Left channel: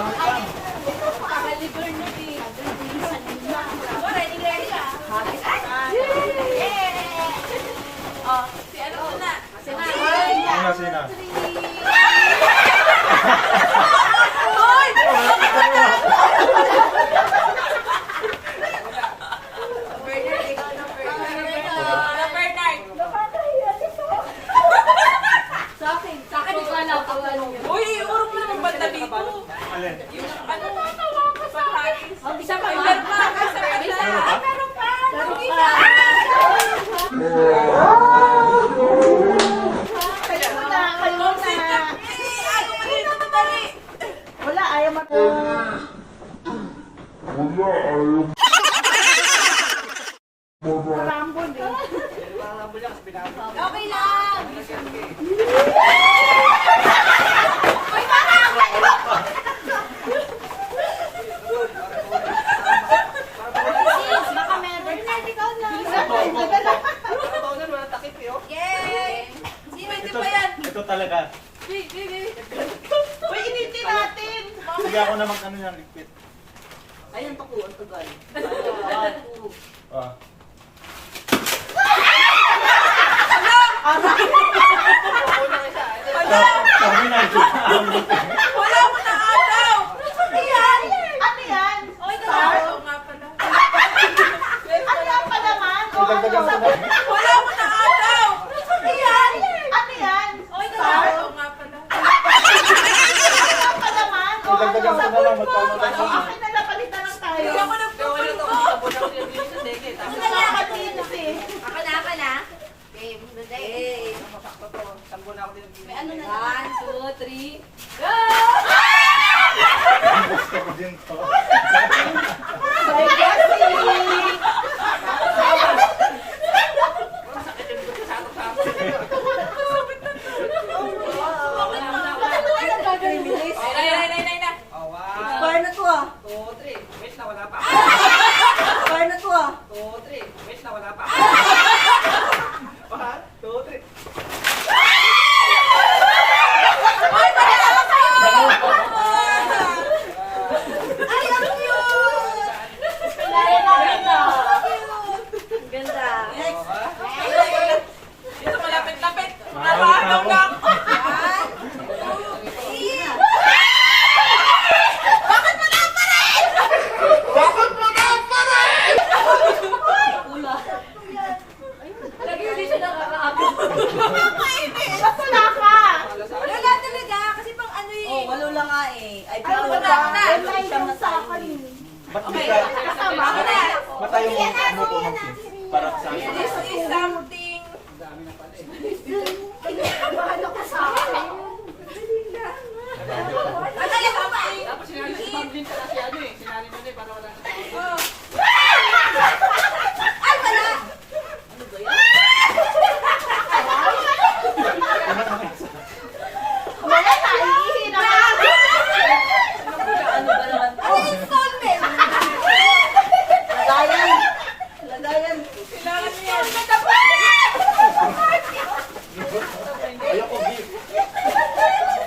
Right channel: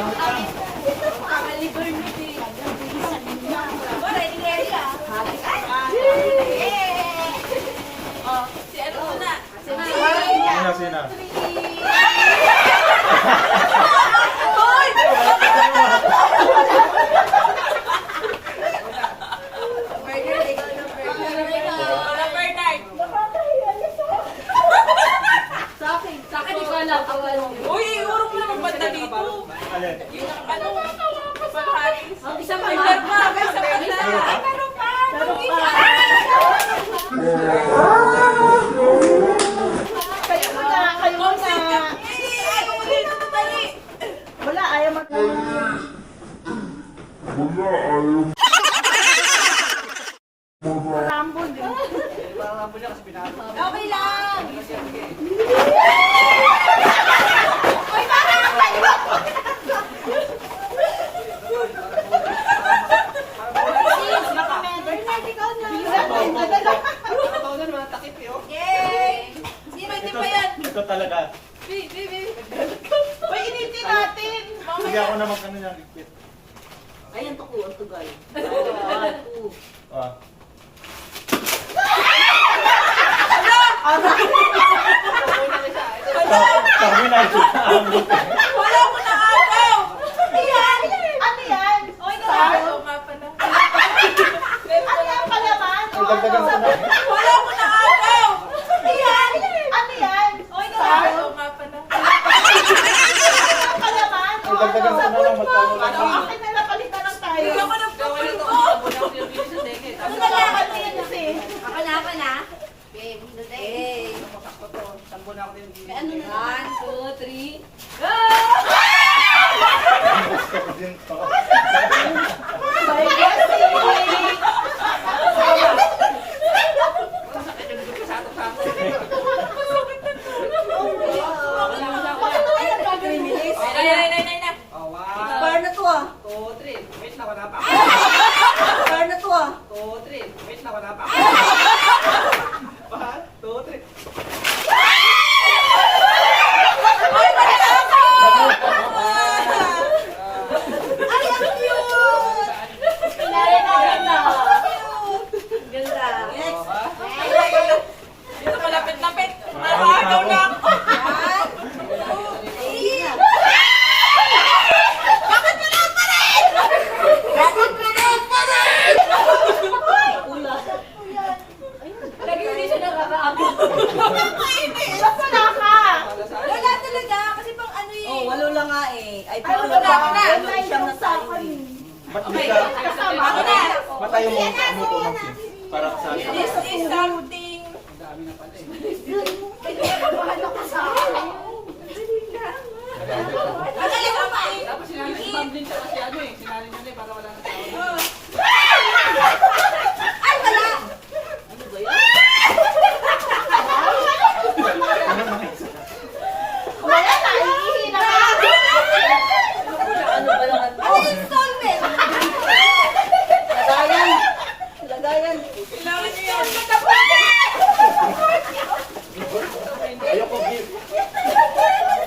Kagaligor mo din. Kagalisan niya. Ready ka? Oh, si ano muna? Sina. Hoy! Sa akin, ikaw lang. Uy, iurong mo naman banda dito. Alin? Yung ano, paghalis. Isa pa. Meron pa. Isa pa siya. Meron pa. Wala, ayaw mo. Rambon eh. Okay lang. Baka meron. Yay! Pwede pa yan. Ito talaga. Baby. Uy, initin natin. Sige ako naman kanina ligpit. Ayan, tukuan ko guys. Ah. Sabi na ito. Wala ko na agaw. Ano yan? Ano yan? Oy, oo nga pala. Ano yan pa naman? Ang dagdagan ko na. Wala ko na agaw. Ano yan? Ano yan? Oy, oo nga pala. Ano pa naman? Ang dagdagan ko na lang magkano lang. Akin na napalitan lang tayo. Hindi ako nagpapal ko. Ano nalaman din kasi? Ako na. Babe, today. May ano na? 1, 2, 3. Go! Din to. By blessing! Bakit wala nang gagawin nilis? Nay na. Bar na to ah. Bar na to ah. Ay, malaki! Ay, ang cute! Laya namin na. Ganda. Next. Dito malapit-lapit. Nakagaw na ako. Bakit mo na pa rin? Ula. Lagi hindi siya nakakaagaw. Mainit. Ba't wala ka? Wala talaga. Kasi pang ano eh. Oh, walo lang nga eh. Ay, Ay, wala ka na. Walo siyang na tayo eh. Ba't Okay. di ka? Ako na. Ba't tayo mo ano to mag-fit? Para sa akin. This is something. Tapos sinali si Ma'am Lynn tsaka si ano eh. Sinali mo din para wala na tao. Ay, wala. Wala na, iihi na. Ano installment? Lagayan. Lagayan. Kailangan niyo yan. Ayoko gift.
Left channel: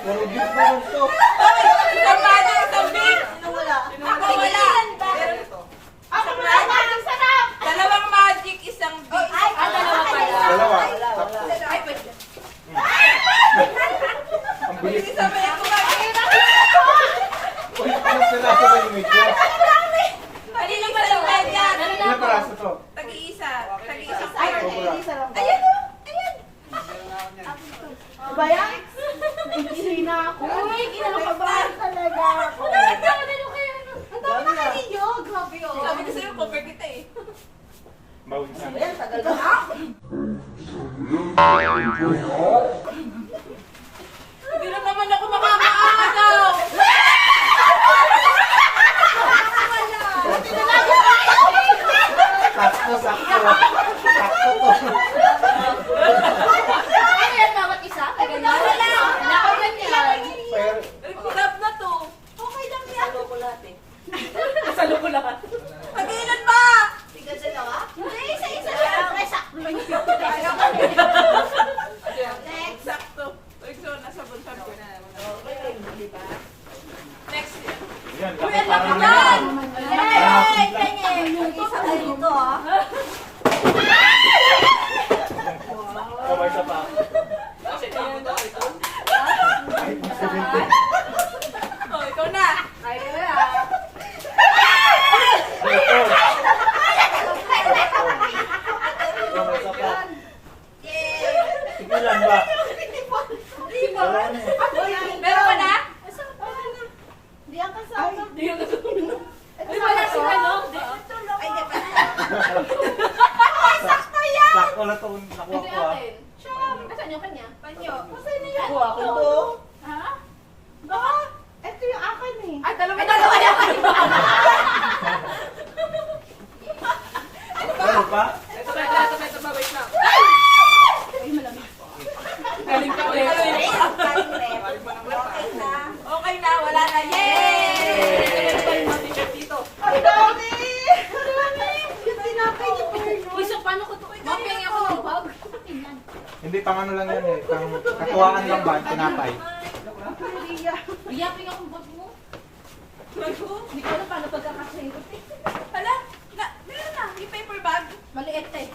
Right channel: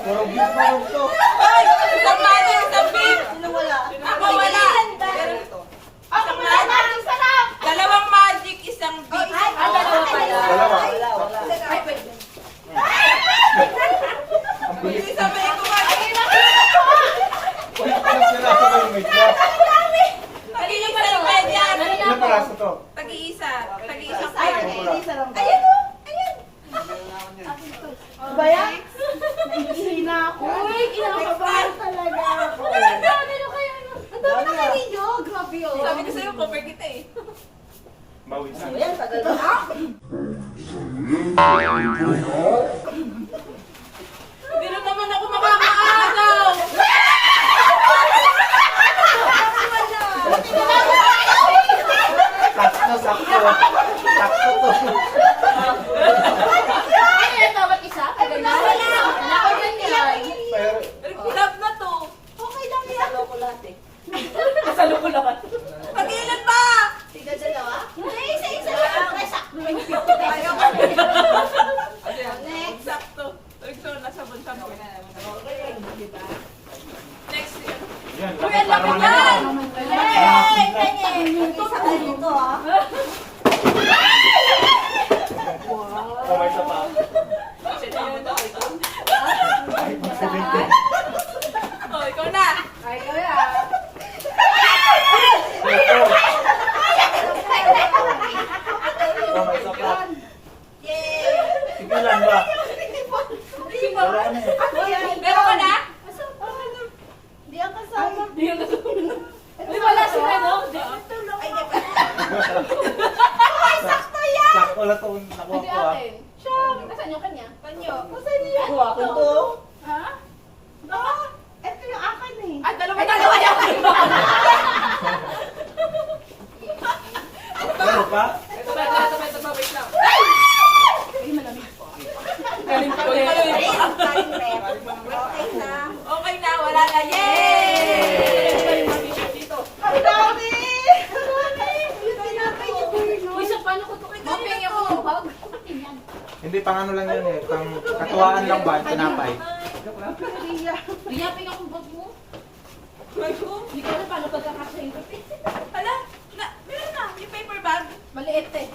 Puro gift na lang to. Ay, isang magic, isang beef. Sino wala? Ako wala. Ako wala na, ang sarap. Dalawang magic, isang beef. Dalawa. Ay, pwede. Ang bilis. Hindi sabihin ko ba? Wala pa lang sila sa may media. Tag-iisa yung bed yan. Ano paraso to? Tag-iisa. Tag-iisang Ay, pair. isa lang ba? Ayan o. Ayan. Ba yan? Naiihi na ako. Uy, kinakabahan talaga ako. Ang dami na ninyo. Grabe o. Sabi ko sa'yo, cover kita eh. Bawisan. Ayan, tagal na. Hindi rin naman ako makakaagaw. Sakto, sakto. Sakto to. Ano yan, dapat isa? Wala. Nakaganyan. Pero, Love na to. Okay lang yan. Kasalo ko lahat. Mag-ilan ba? Tiga dalawa? Isa-isa lang. Next. Sakto. So, nasa bunta mo. Next. Yan, Uy, ang para laman! manalo. Yay! Ganyan! Isa kayo dito, ah. Kamay sa pa. Kasi tama daw ito. Ay, 17. Oh, ikaw na. Ay, kaya. Ito. Kamay sa pa. Yay! Tigilan ba? Wala na eh. Meron ka na? Di ang kasama. Uy, wala sila, no? Ay, di ba? Ay, sakto yan! Sakto lang ito nakuha ko ah. Nasaan yung kanya? Panyo. Ako, ako to. Ha? Baka, ito yung akin eh. Ay, dalawa na. Meron pa? Ito, wait lang. Ay, malamig po. Galing ko Okay yun. na. Okay na, wala na. Yay! Dito. Ang dami! Ang dami! Tinapay ni Bruno. Isa, paano ko ito? Maping ako ng bag. Hindi, pang ano lang yan eh. Pang katuwaan lang ba? Tinapay. Iyapin akong bag mo. Bag ko? Hindi ko alam paano pagkakasay ko. Hala, meron na. Yung paper bag. Maliit eh.